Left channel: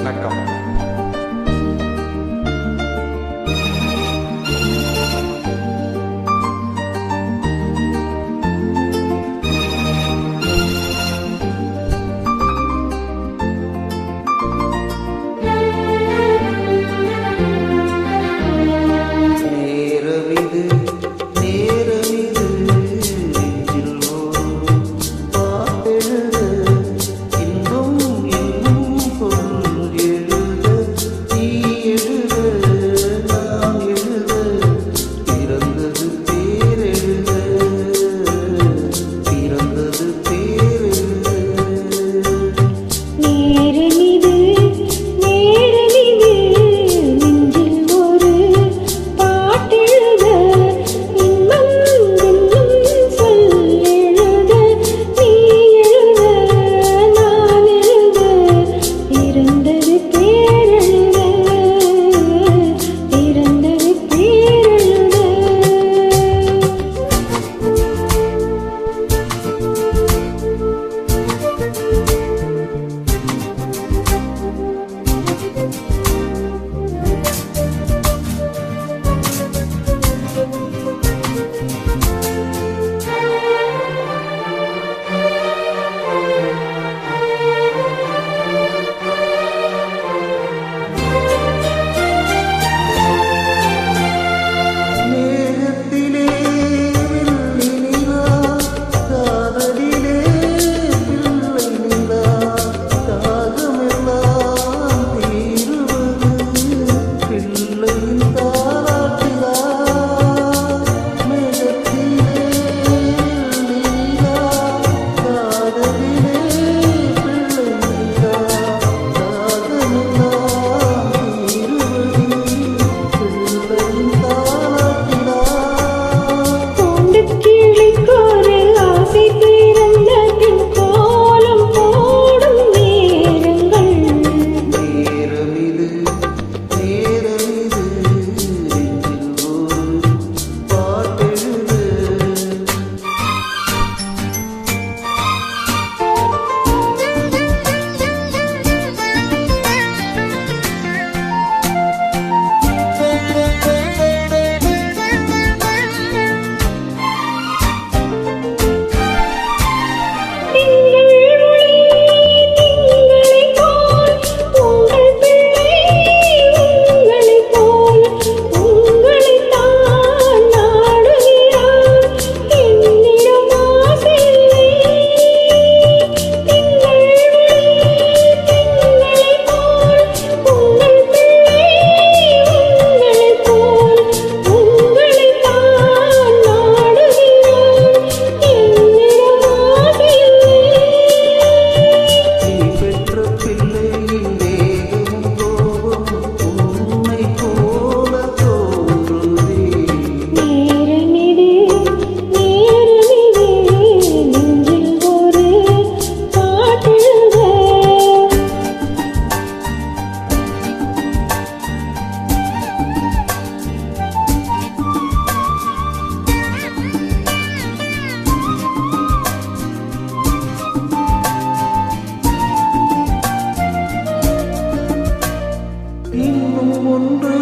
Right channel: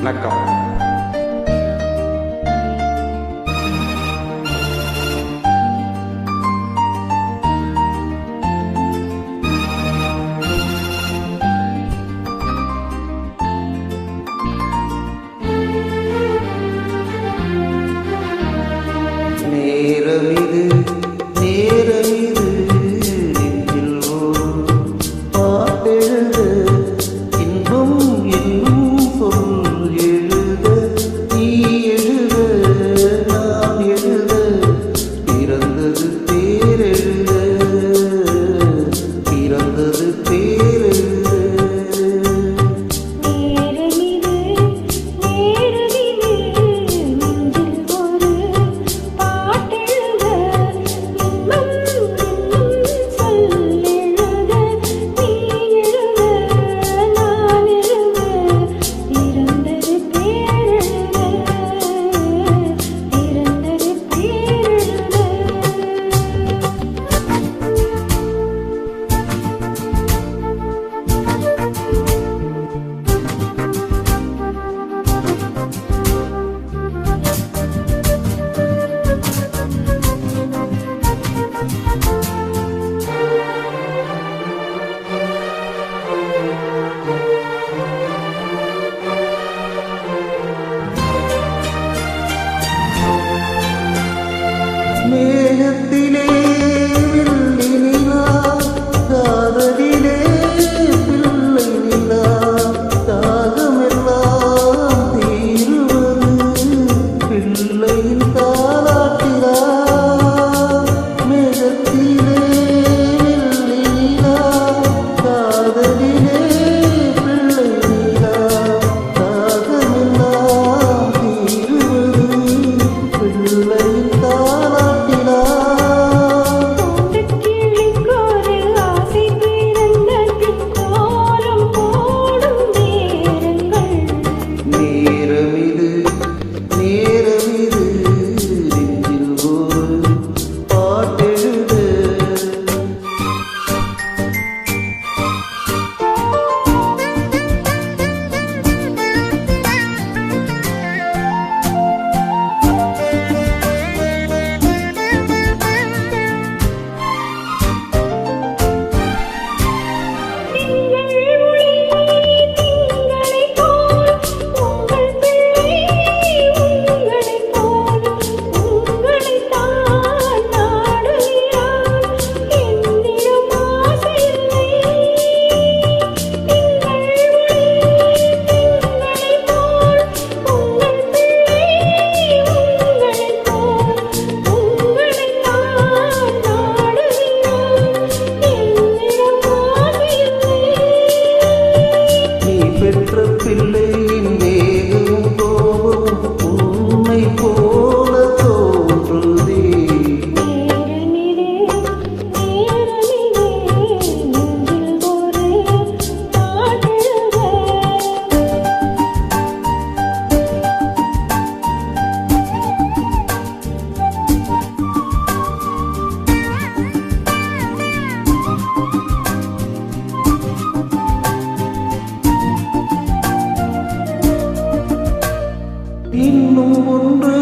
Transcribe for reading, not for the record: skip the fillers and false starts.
வணக்கம். நேரமிது நேரமிது நெஞ்சில் ஒரு பாட்டெழுத இன்பம் என்னும் பொருள் எழுத நீ எழுத நான் எழுத பிறந்தது பேரெழுத பிறந்தது பேரெழுத மேகத்திலே வில்லி நிலா காதலிலே பிள்ளை நிலா தாகமெல்லாம் தீருவது பிள்ளையின் தாலாட்டிலா மேகத்திலே வில்லி நிலா காதலிலே பிள்ளை நிலா தாகமெல்லாம் தீருவது பிள்ளையின் பிள்ளையின் வேகமும் கோபமும் உன்னை போல தோன்றுதே நேரமிது நேரமிது நெஞ்சில் ஒரு பாட்டெழுத இன்னும் ஒன்று